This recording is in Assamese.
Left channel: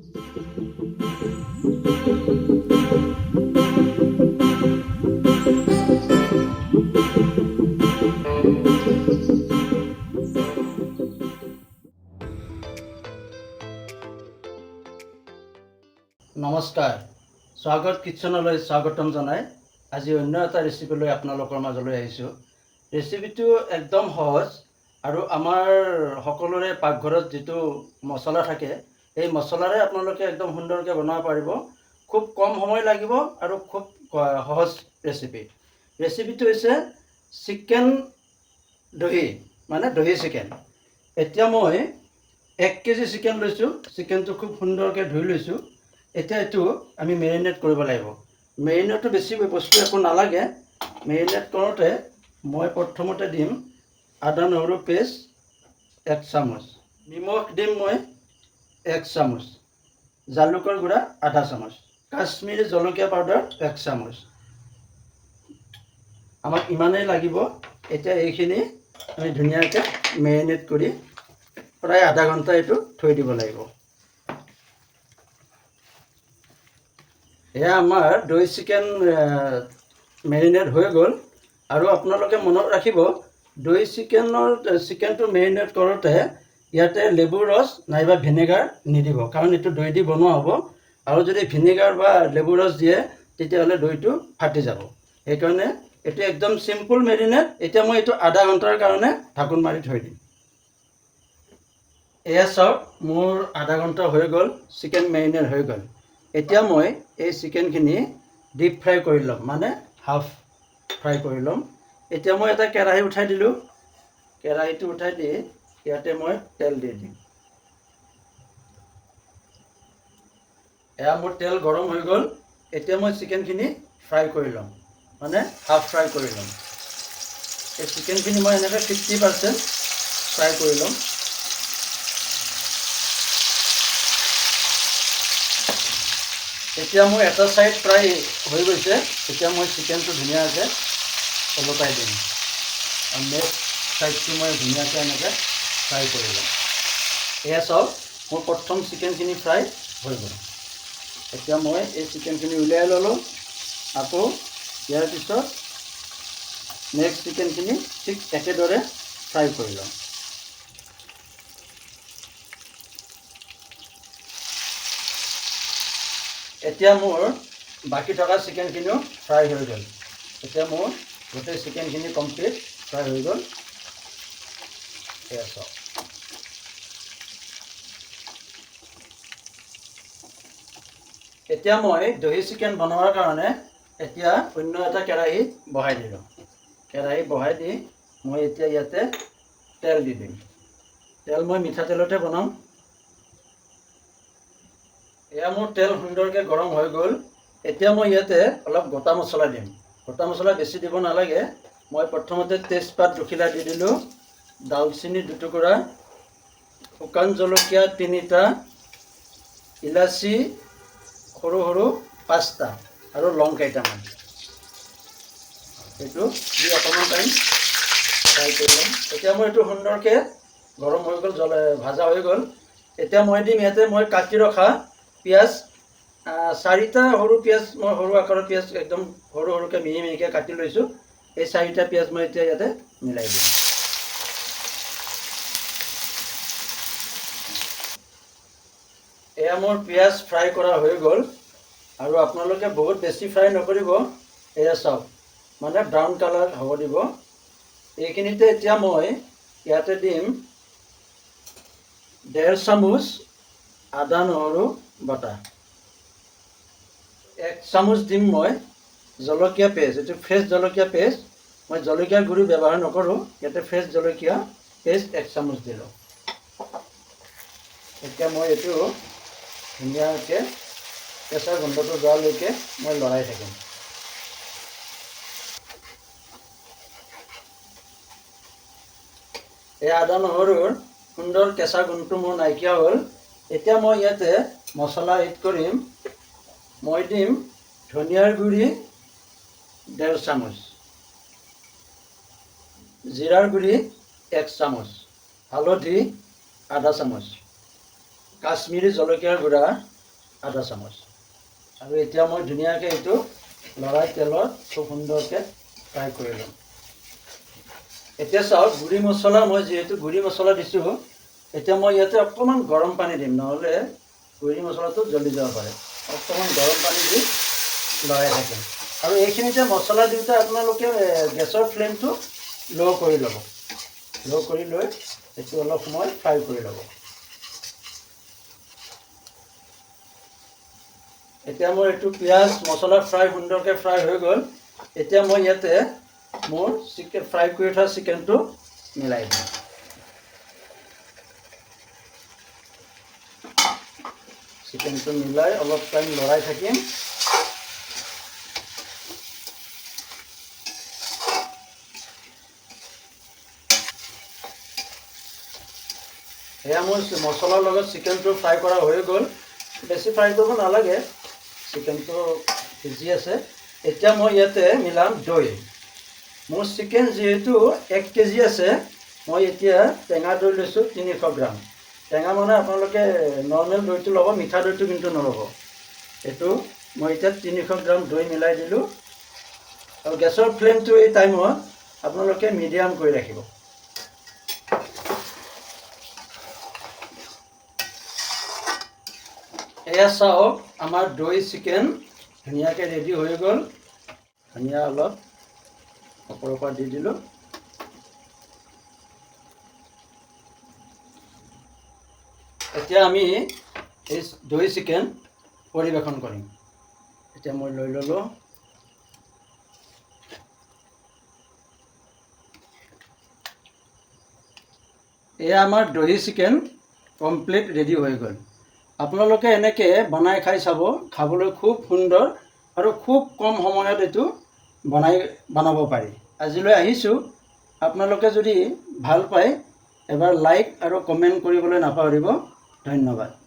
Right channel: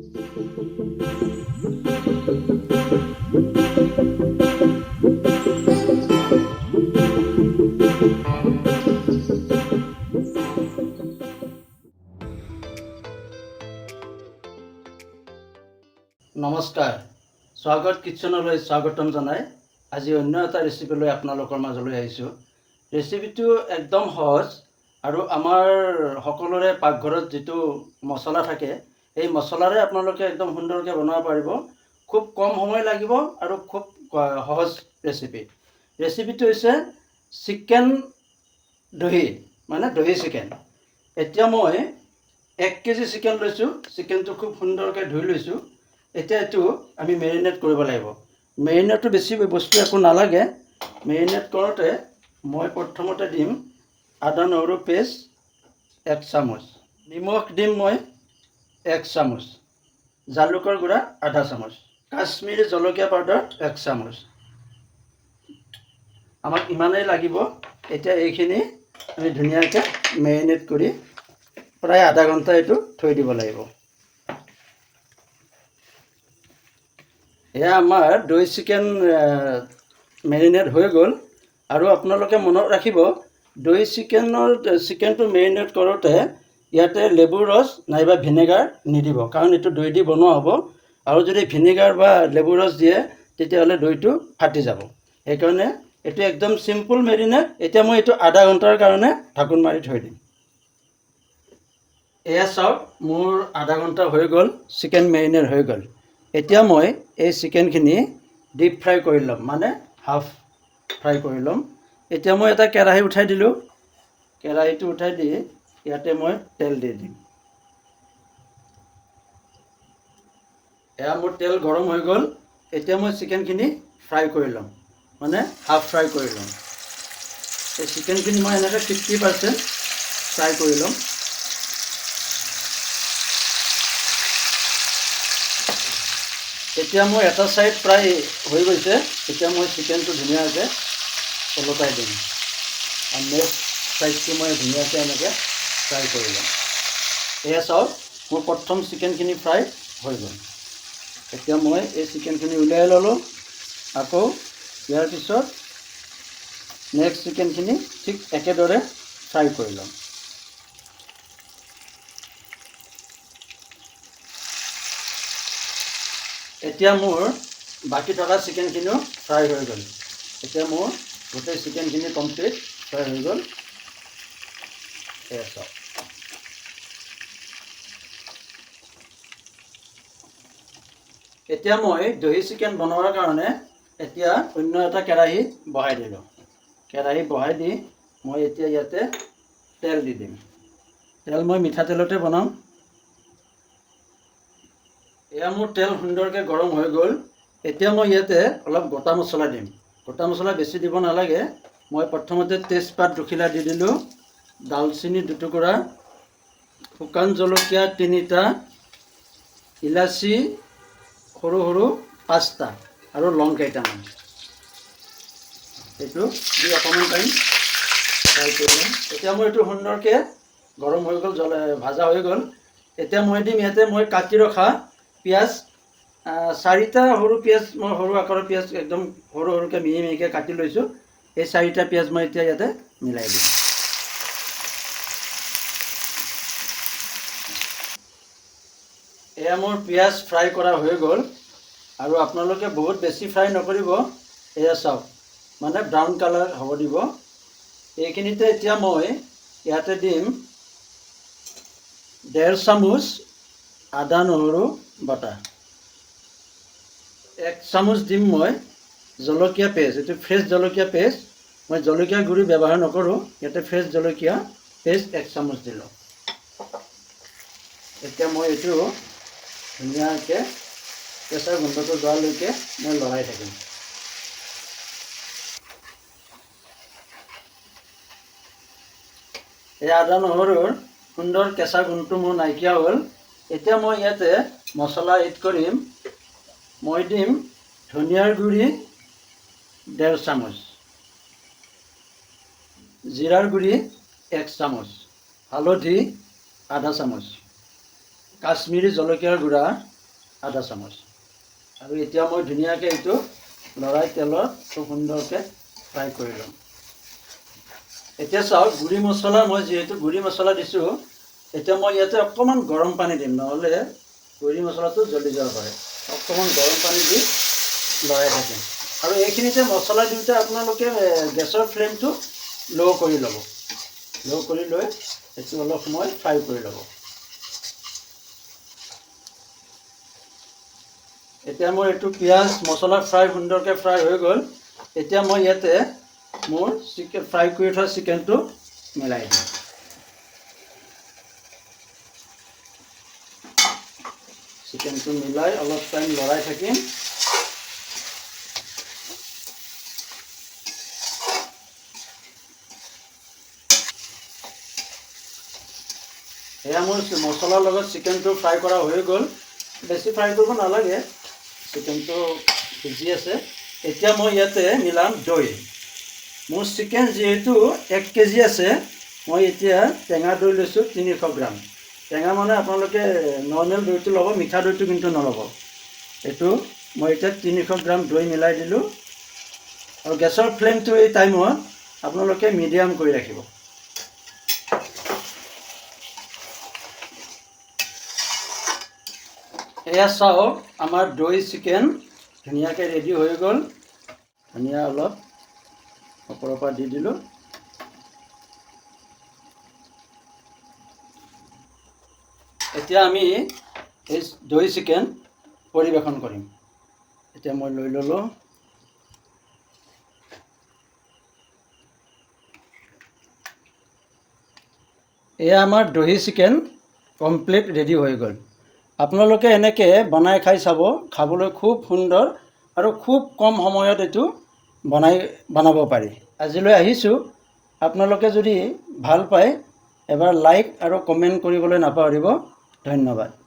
নমস্কাৰ, স্বাগত কিটচেনলৈ স্বাগতম জনাই আজি অন্য এটা ৰেচিপি লৈ আপোনালোকৰ মাজলৈ আহিছোঁ। ৰেচিপিটো একদম সহজ আৰু আমাৰ সকলোৰে পাকঘৰত যিটো মছলা থাকে এই মছলাৰে আপোনালোকে একদম সুন্দৰকৈ বনাব পাৰিব। খুব কম সময় লাগিব আৰু খুব সহজ ৰেচিপি। ৰেচিপিটো হৈছে চিকেন দহি, মানে দহি চিকেন। এতিয়া মই 1 কেজি চিকেন লৈছোঁ। চিকেনটো খুব সুন্দৰকৈ ধুই লৈছোঁ। এতিয়া এইটো আমি মেৰিনেট কৰিব লাগিব। মেৰিনেটটো বেছি বস্তু একো নালাগে। মেৰিনেট কৰোঁতে মই প্ৰথমতে দিম আদা নহৰু পেষ্ট 1 চামুচ, নিমখ দিম মই 1 চামুচ, জালুকৰ গুড়া আধা চামুচ, কাশ্মীৰী জলকীয়া পাউডাৰ 1 চামুচ। আমাক ইমানেই লাগিব। এতিয়া এইখিনি আমি ধুনীয়াকৈ মেৰিনেট কৰি প্ৰায় আধা ঘণ্টা এইটো থৈ দিব লাগিব। এয়া আমাৰ দৈ চিকেন মেৰিনেট হৈ গ'ল। আৰু আপোনালোকে মনত ৰাখিব, দৈ চিকেনটো মেৰিনেট কৰোঁতে ইয়াতে লেবুৰ ৰস নাইবা ভিনেগাৰ নিদিব, কাৰণ এইটো দৈ দি বনোৱা হ'ব। আৰু যদি ভিনেগাৰ বা লেবুৰ ৰস দিয়ে তেতিয়াহ'লে দৈটো ফাটি যাব। সেইকাৰণে এইটো একদম চিম্পুল মেৰিনেট। এতিয়া মই এইটো আধা ঘণ্টাৰ কাৰণে ঢাকোন মাৰি থৈ দিম। এয়া চাওক, মোৰ আধা ঘণ্টা হৈ গ'ল, চিকেন মেৰিনেট হৈ গ'ল। এতিয়া মই এই চিকেনখিনি ডিপ ফ্ৰাই কৰি ল'ম, মানে হাফ ফ্ৰাই কৰি ল'ম। এতিয়া মই এটা কেৰাহী উঠাই দিলোঁ। কেৰাহীটো উঠাই দি ইয়াতে মই তেল দি দিম। এয়া মোৰ তেল গৰম হৈ গ'ল। এতিয়া মই চিকেনখিনি ফ্ৰাই কৰি ল'ম, মানে হাফ ফ্ৰাই কৰি ল'ম। এই চিকেনখিনি মই এনেকৈ 50% ফ্ৰাই কৰি ল'ম। এতিয়া মোৰ এটা ছাইড প্ৰায় হৈ গৈছে। এতিয়া মই চিকেনটো ধুনীয়াকৈ ওলটাই দিম আৰু নেক্সট ছাইডটো মই ধুনীয়াকৈ এনেকৈ ফ্ৰাই কৰি ল'ম। এয়া চাওক, মোৰ প্ৰথম চিকেনখিনি ফ্ৰাই হৈ গ'ল। এতিয়া মই এই চিকেনখিনি উলিয়াই ল'লোঁ। আকৌ ইয়াৰ পিছত নেক্সট চিকেনখিনি ঠিক একেদৰে ফ্ৰাই কৰি ল'ম। এতিয়া মোৰ বাকী থকা চিকেনখিনিও ফ্ৰাই হৈ গ'ল। এতিয়া মোৰ গোটেই চিকেনখিনি কমপ্লিট ফ্ৰাই হৈ গ'ল। এয়া চাওক। এতিয়া মই দহি চিকেন বনোৱাৰ কাৰণে এতিয়া অন্য এটা কেৰাহী বহাই দিলোঁ। কেৰাহী বহাই দি মই এতিয়া ইয়াতে তেল দি দিম। তেল মই মিঠাতেলতে বনাম। এয়া মোৰ তেল সুন্দৰকৈ গৰম হৈ গ'ল। এতিয়া মই ইয়াতে অলপ গোটা মছলা দিম। গোটা মছলা বেছি দিব নালাগে। মই প্ৰথমতে তেজপাত দুখিলা দি দিলোঁ, দালচেনি 2 টুকুৰা, শুকান জলকীয়া 3টা, ইলাচি সৰু সৰু 5টা আৰু লং কেইটামান। এইটো দি অকণমান টাইম ফ্ৰাই কৰি ল'ম। এতিয়া মোৰ এইটো সুন্দৰকৈ গৰম হৈ গ'ল, ভাজা হৈ গ'ল। এতিয়া মই দিম ইয়াতে মই কাটি ৰখা পিঁয়াজ 4টা সৰু পিঁয়াজ, মই সৰু আকাৰৰ পিঁয়াজ একদম সৰু সৰুকৈ মিহি মিহিকৈ কাটি লৈছোঁ। এই 4টা পিঁয়াজ মই এতিয়া ইয়াতে মিলাই দিম। এয়া মোৰ পিঁয়াজ ফ্ৰাই কৰা হৈ গ'ল। আৰু আপোনালোকে বহুত বেছি ফ্ৰাই নকৰিব। এয়া চাওক, মানে ব্ৰাউন কালাৰ হ'ব দিব। এইখিনিতে এতিয়া মই ইয়াতে দিম 1.5 চামুচ আদা নহৰু বটা, 1 চামুচ দিম মই জলকীয়া পেষ্ট। এইটো ফ্ৰেছ জলকীয়া পেষ্ট, মই জলকীয়া গুড়ি ব্যৱহাৰ নকৰোঁ। ইয়াতে ফ্ৰেছ জলকীয়া পেষ্ট 1 চামুচ দিলোঁ। এতিয়া মই এইটো ধুনীয়াকৈ কেঁচা গোন্ধটো যোৱালৈকে মই লৰাই থাকিম। এই আদা নহৰুৰ সুন্দৰ কেঁচা গোন্ধটো মোৰ নাইকিয়া হ'ল। এতিয়া মই ইয়াতে মছলা এড কৰিম। মই দিম ধনিয়াৰ গুড়ি 1.5 চামুচ, জিৰাৰ গুড়ি 1 চামুচ, হালধি আধা চামুচ, কাশ্মীৰী জলকীয়াৰ গুড়া আধা চামুচ। আৰু এতিয়া মই ধুনীয়াকৈ এইটো লৰাই তেলত খুব সুন্দৰকৈ ফ্ৰাই কৰি ল'ম। এতিয়া চাওক, গুড়ি মছলা মই যিহেতু গুড়ি মছলা দিছোঁ, এতিয়া মই ইয়াতে অকণমান গৰম পানী দিম, নহ'লে গুড়ি মছলাটো জ্বলি যাব পাৰে। অকণমান গৰম পানী দি লৰাই থাকিম। আৰু এইখিনিতে মছলা দিওঁতে আপোনালোকে গেছৰ ফ্লেমটো ল' কৰি ল'ব। ল' কৰি লৈ এইটো অলপ সময় ফ্ৰাই কৰি ল'ব। এতিয়া মোৰ এইটো পিঁয়াজ মছলা সুন্দৰকৈ ফ্ৰাই হৈ গ'ল। এতিয়া মই ইয়াতে মোৰ ফ্ৰাই কৰি থোৱা চিকেনটো মিলাই দিম। চিকেনটো মিলাই অলপ টাইম লৰাই থাকিম। এয়া মোৰ মছলাৰ লগত চিকেনটো ফ্ৰাই কৰা হৈ গ'ল। বেছি ফ্ৰাই কৰিব নালাগে, চিকেনটো সিজি আছে। এতিয়া মই ইয়াতে মিলাম দৈ। মোৰ চিকেন যিহেতু 1 কেজি আছে, মই এতিয়া টেঙা দৈ লৈছোঁ 300 গ্ৰাম। টেঙা মানে আপোনালোকে নৰ্মেল দৈটো ল'ব, মিঠা দৈটো কিন্তু নল'ব। এইটো মই এতিয়া 300 গ্ৰাম দৈ মিলাই দিলোঁ। আৰু গেছৰ ফ্লেমটো এই টাইমত আপোনালোকে মিডিয়াম কৰি ৰাখিব। এয়া চাওক, আমাৰ দৈ চিকেন ধুনীয়াকৈ ৰেডি হৈ গ'ল। ধনিয়া অলপ ওপৰৰ পৰা দি দিলোঁ। এতিয়া আমি এই দৈ চিকেন পৰিৱেশন কৰিম। এতিয়া মই লৈ ল'লোঁ। এয়া আমাৰ দহি চিকেন কমপ্লিট ৰেডি হৈ গ'ল। আপোনালোকে এনেকৈ বনাই খাই চাব, খাবলৈ খুব সুন্দৰ আৰু খুব কম সময়ত এইটো বনাব পাৰি। আজিলৈ আহিছোঁ। আপোনালোকে যদি ভাল পায় এবাৰ লাইক আৰু কমেণ্ট কৰিবলৈ নাপাহৰিব। ধন্যবাদ।